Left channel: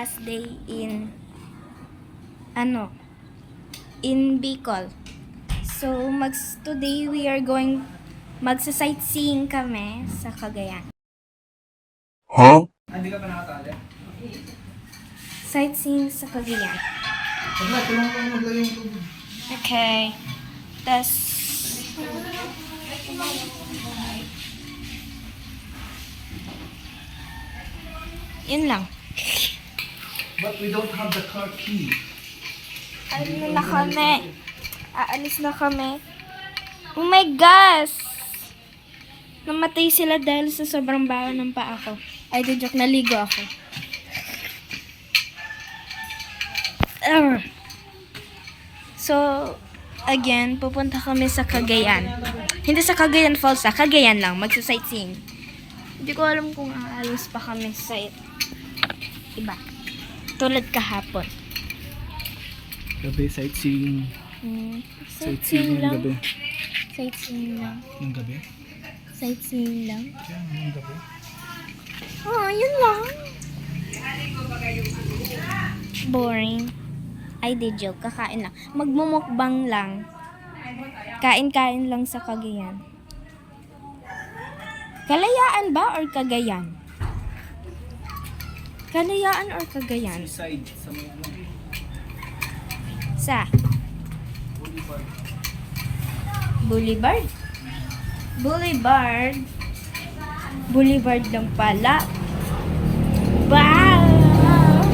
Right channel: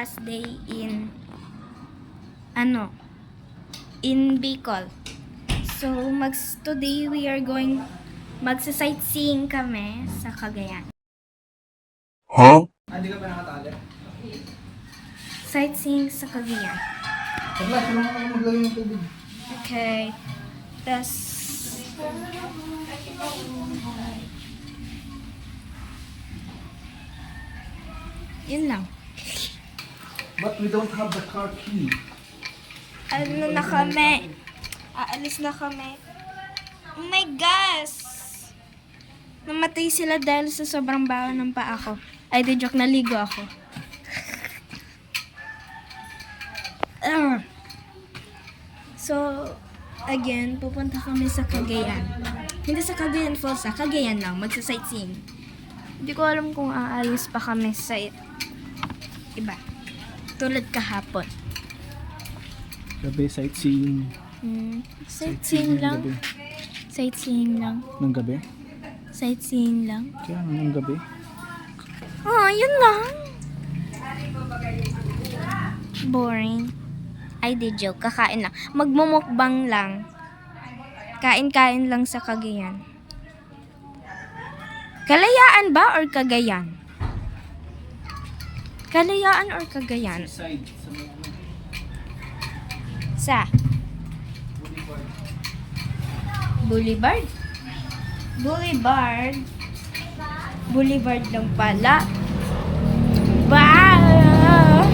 last day in Bicol. So today we are going magsa-sightseeing kami sa Cagayan. Huh? Hindi ka pa nakatali? Sightseeing sa Cagayan. Wala, tulungan ako maglagay ng tubig. Okay. Tas yun lang. But we don't have the car key. Ano na kami? Aalis na kami. Oh my gosh! Namatay sila dahil sa sobrang baho ng paa ko. Ay, di joke, naligo ako. So, again, pupunta kami sa Cagayan. Hindi sa Cagayan Falls, sa Cagayan lang, magsa-sightseeing. Hindi ko alam kung aalis pa kami sa iba. Tulad kahapon. Gabi, sightseeing. Sightseeing lang. Gabi. Sightseeing lang. Nung gabi? Sightseeing lang. Kaya nung gabi. Yun lang. Boring. Ay, di joke. Kakain lang. Magmumukbang lang. Kain-kain lang sa Cagayan. Kalayaan ba or Cagayan? Kalayaan or Cagayan? Side, sa may ano. Sa Boulevard. Boulevard. Boulevard lang pala. Wow!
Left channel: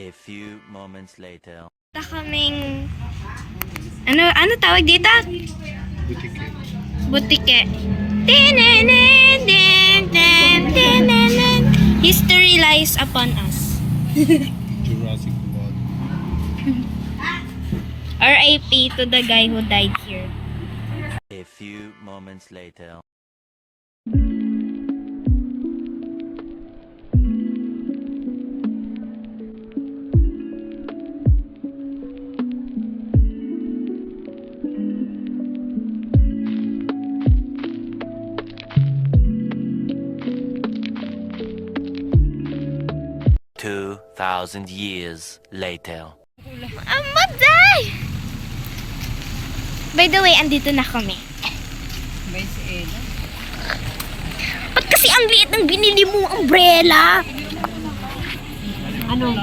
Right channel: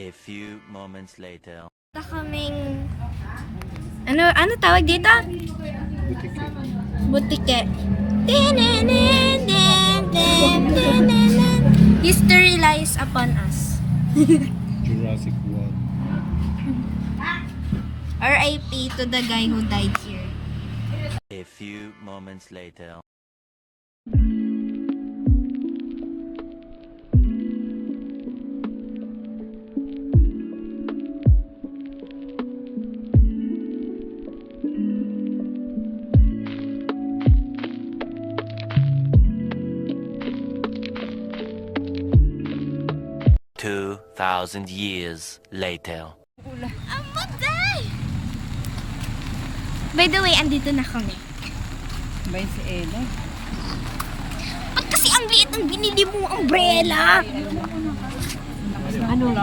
A few moments later. Kaming ano tawag dito? Butike. Butike. History lies upon us. Jurassic World. R.I.P. to the guy who died here. A few moments later. Two 2,000 years later. Amatay! By the way, andito na kami. Bay si Ella. Ba't kasi ang liit ng binili mo umbrella? Ano?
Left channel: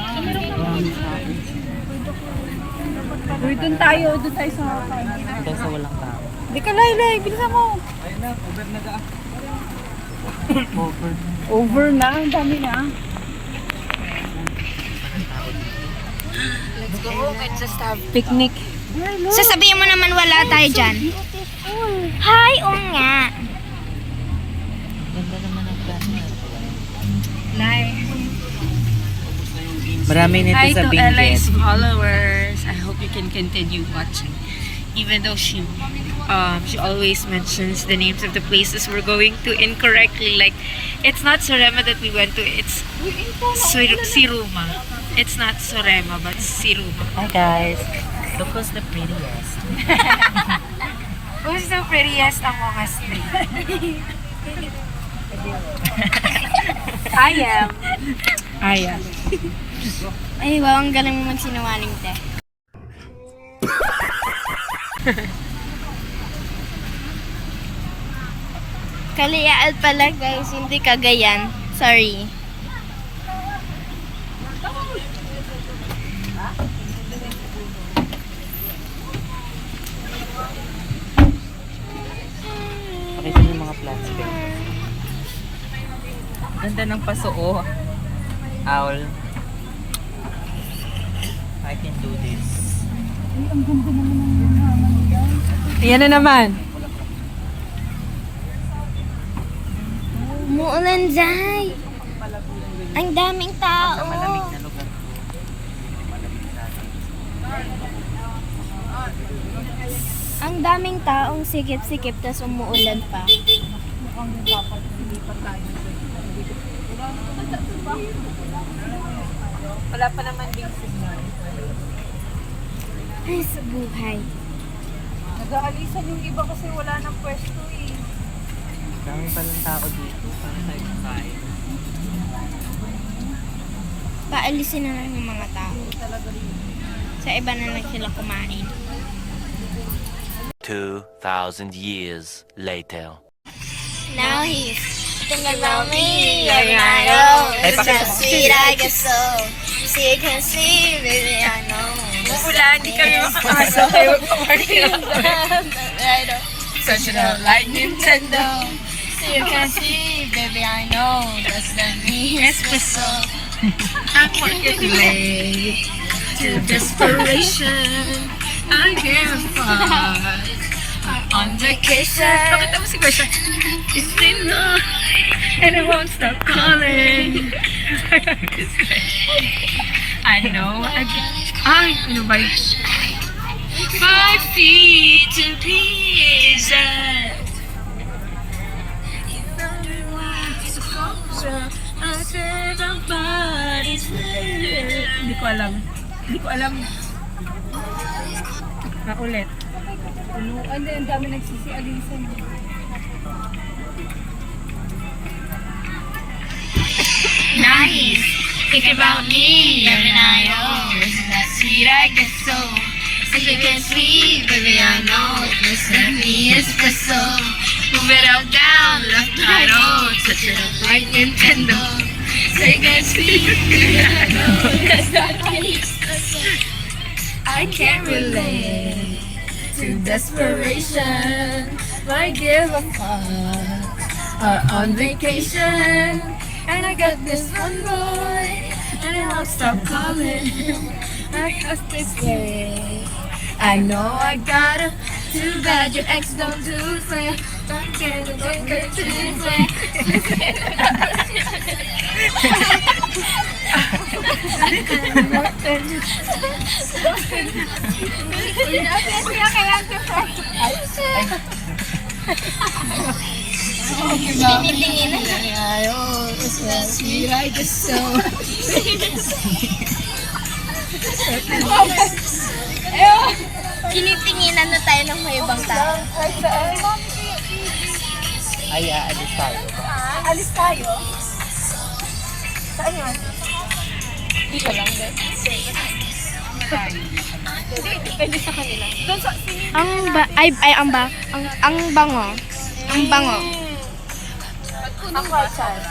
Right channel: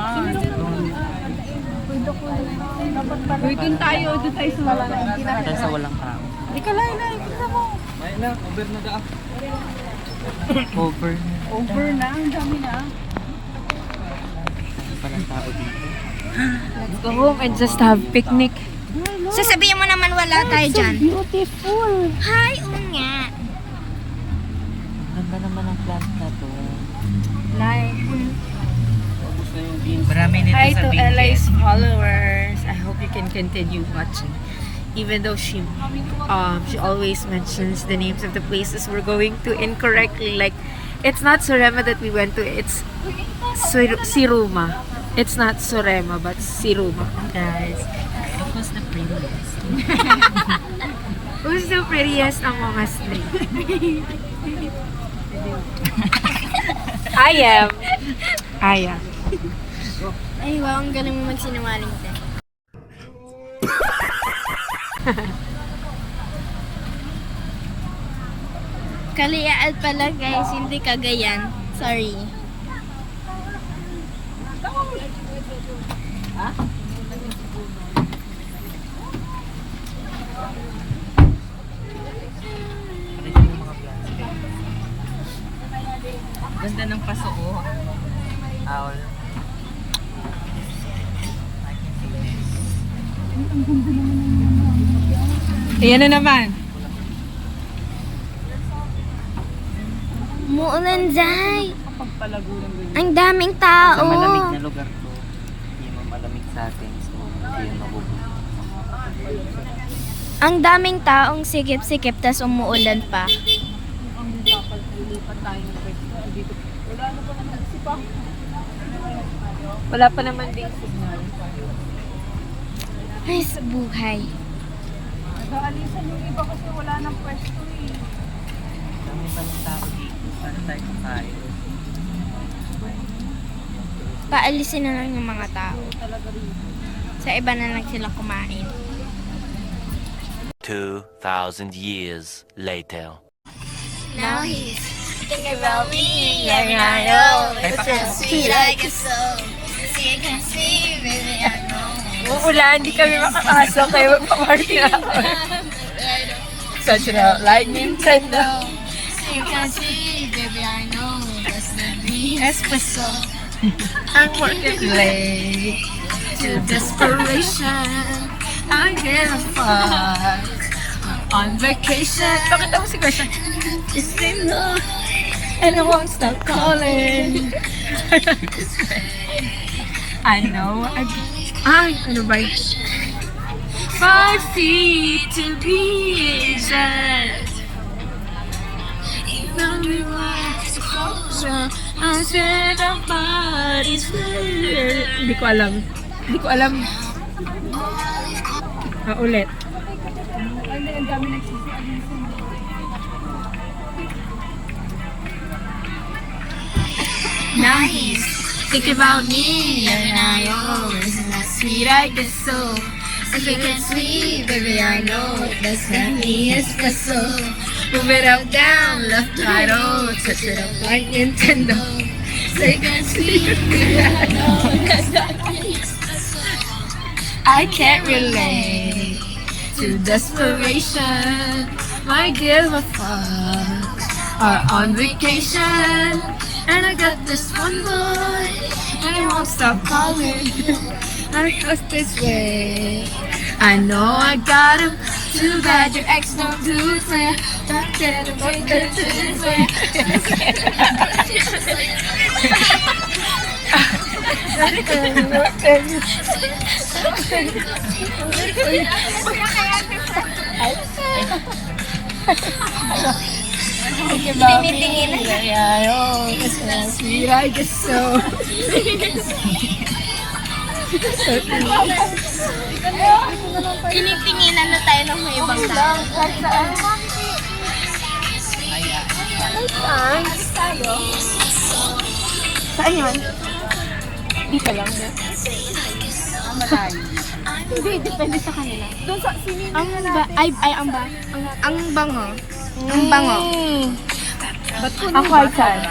Uy, dun tayo. Dun tayo sa walang Dahil sa walang tao. Di ka laylay. Bilisan mo. Ayun na, over na ka. Over. Over na. Ang dami na. Let's go home and just have picnic. Sasabihin mo naman wala tayo dyan. Beautiful. Hi, oo nga. Ganda naman ang plan niya. Like, Marami nito hi sa to Benguet. Ellie's followers. I hope you can continue watching. Even though she always mentions the names of the places we're going to incorrectly. Like, it's not Surema that we went to. It's Siruma. It's not Surema, but Siruma. Hi guys. Look who's the prettiest. Who's the prettiest among us three? I am. Ay, wow, ang galing mo magsinungaling, te. Kalayaan pala, guys, hindi Cagayan. Sorry. Pakita mo yung mga plants. Ganda ng pasuo. Owl. I can do this. Ayan na naman. Muulan, Zay. Ang daming tao. Malamig na lugar. Malamig sa atin. Ang daming taong sikip-sikip, tas umuulan pa. Wala pa naman ding signal. Ay, sa buhay. Nag-aalisan yung iba kasi wala nang pwesto eh. Dahil palang tao dito. Paano tayo kakain? paalisin na lang yung mga tao. Sa iba na lang sila kumain. 2,000 years later. Now he's thinking about me every night. Oh, it's so sweet, I guess so. Sick and sweet, baby, I know. Wala, hindi kami makakasok kayo magpaparty na. Such a like Nintendo. Sick and sweet, baby, I know. That's the me, espresso. I'm working late to desperation. I give a fuck. I'm on vacation. Pakita mo si Gosha. It's been long and I won't stop calling. I know ano ba yun? 5 feet to be exact. Even we lost closure, I spent our bodies there. Hindi ko alam. Ulit. Nice. Think about me every night. Oh, isn't that sweet? I guess so. If you can sweet, baby, I know. That's the me, espresso. Move it up, down, left, right, oh. Touch it up like Nintendo. Say can sweet, baby, I know. That's the me, espresso. I can't relate to desperation. Why give a fuck? Are on vacation, and I got this one boy, and I won't stop calling him. I hope this way. I know I got him. Too bad your ex don't do it fair. I'm gonna break it to it fair. Tinitingin na siya. I guess so. Tinitinginan na tayo ng may ibang tao. Ay, alis tayo. Alis tayo? Saan yun? Dito lang, din. Hindi, depende sa kanila. Doon sa Ang bango. Ang bango. Ako ay saan?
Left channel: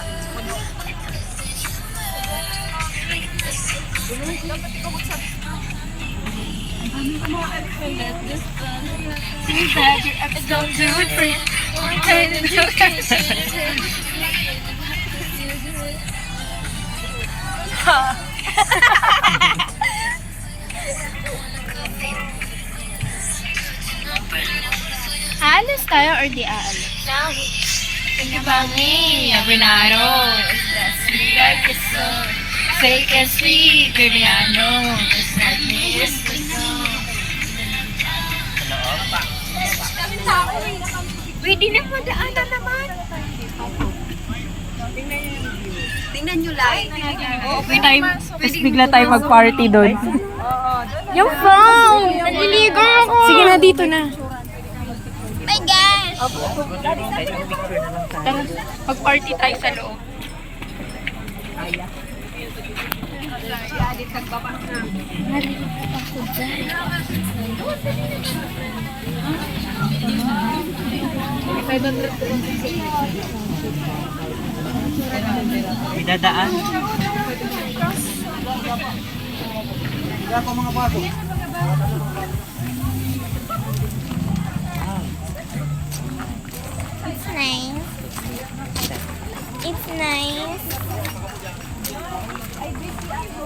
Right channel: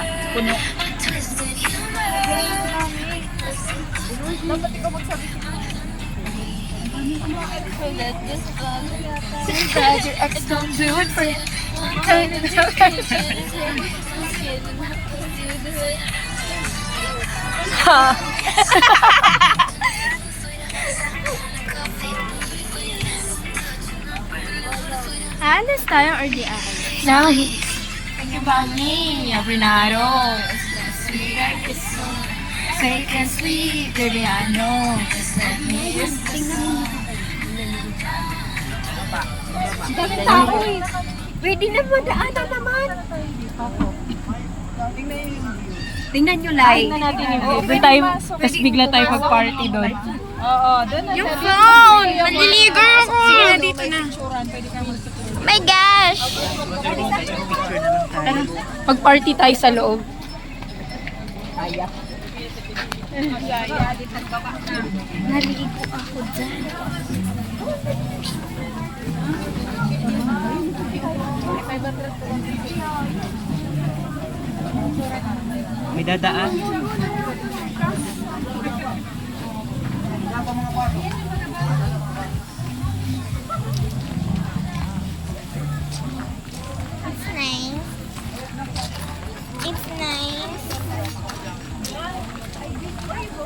Don't do it for Aalis tayo or di aalis? Now, Think about me every night, oh, it's that sweet, I guess so. Fake and sweet, baby, I know. It's that me, it's the song. pwede naman, daanan naman. Tingnan nyo like. Tapos bigla tayo mag-party doon. Yung phone! Naliligaw ako! Sige na, dito na. My gosh! Tara, mag-party tayo sa loob. Naligo ako dyan. May dadaan. It's nice. It's nice.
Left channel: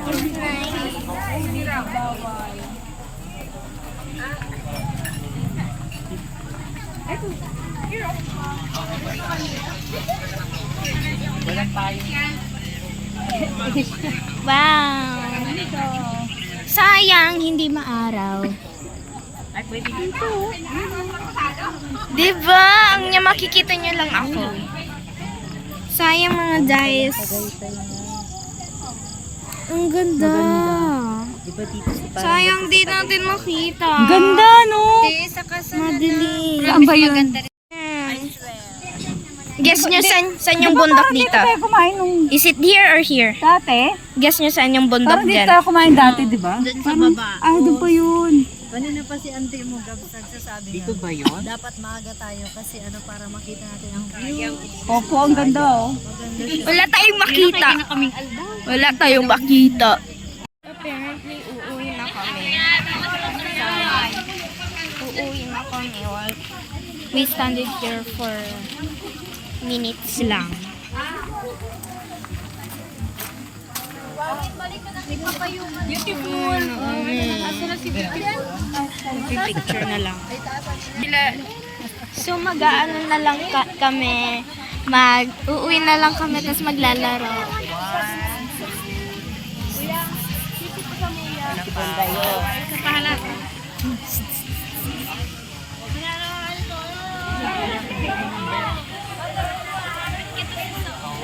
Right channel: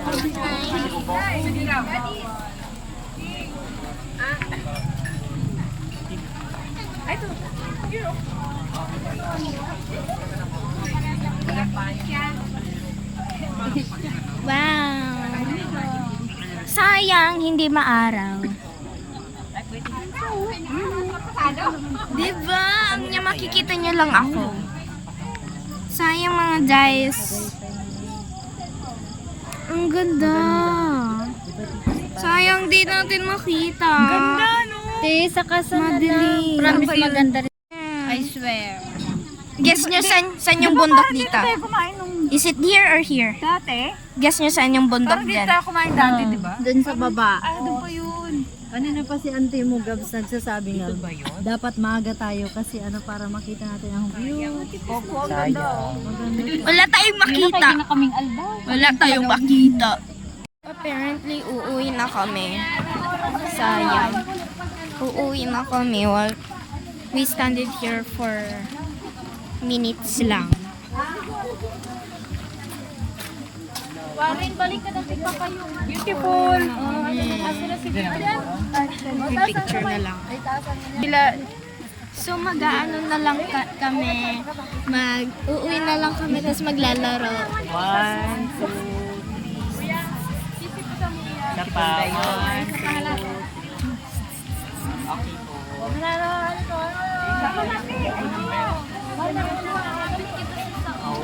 It's nice. Wow! Sayang, hindi maaraw. Diba? Ang niya makikita niyo lang ako. Sayang mga guys. Ang ganda. Sayang di natin makita. Ganda, no? Madilim. Ang ba yun? Guess nyo saan yung bundok dito? Tayo kumain nung Is it here or here? dati. Guess nyo saan yung bundok Parang dito dyan? tayo kumain dati, di ba? Doon sa baba. Ah, doon pa yun. Kanina pa si Auntie mo, Gabs, nagsasabi Dito nga. ba yun? Dapat maaga tayo kasi ano para makita natin ang view. Opo, ang ganda oh. Wala tayong makita. Kaming aldaw. Wala tayong makita. Apparently, uuwi na kami. Sayang. Uuwi na kami while we standed here for minutes lang. Beautiful. Picture na lang. So mag-aano na lang kami, uuwi na lang kami tapos maglalaro.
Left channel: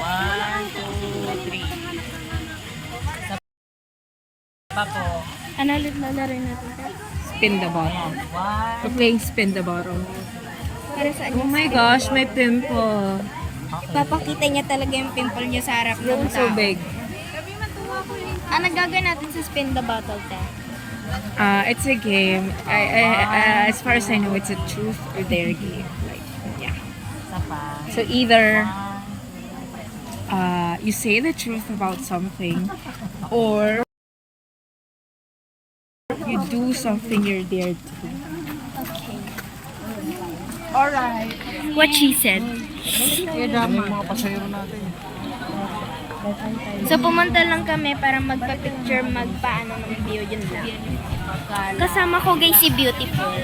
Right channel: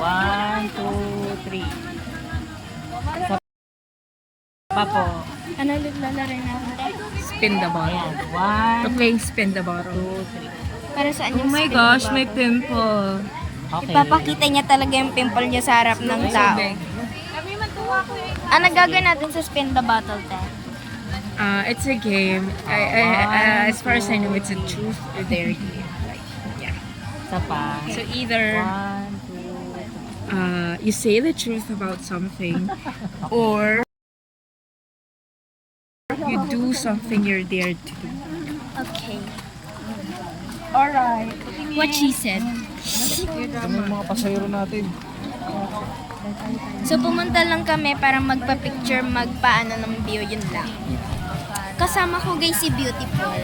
One, two, three. Pa po. Ano ulit lalaroin natin, te? Spin the bottle. We're playing spin the bottle. Para saan Oh my gosh, may pimple. Papakita niya talaga yung pimple niya sa harap ng tao. Ano gagawin natin sa spin the bottle, te? It's a game. As far as I know, it's a truth or dare game. Like, yeah. Isa pa. So either you say the truth about something, or you do something you're dared to do. Okay. Alright. What she said. Ano yung mga pasayro natin? So pumunta lang kami para magpa-picture, magpaano ng view, yun lang. Kasama ko guys si Beautiful.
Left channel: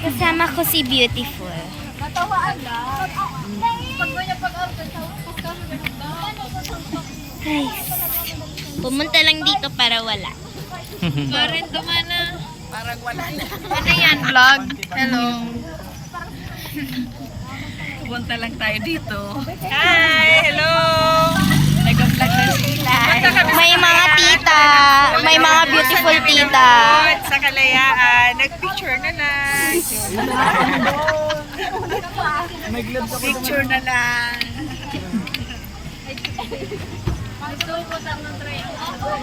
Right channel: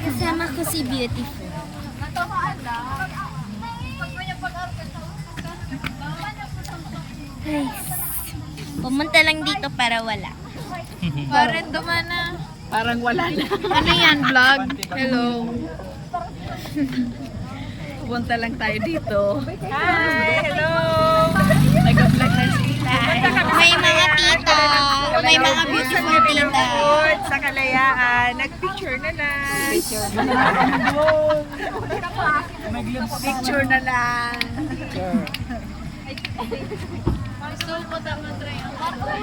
Kasama ko si Beautiful. Ay, pumunta lang dito para wala. Ano yan, vlog? Hello. Pupunta lang tayo dito. Hi! Hello! Nag-vlog na sila. May mga tita, may mga beautiful tita. Sa Kalayaan, nagpicture na na. Picture na lang. Ako,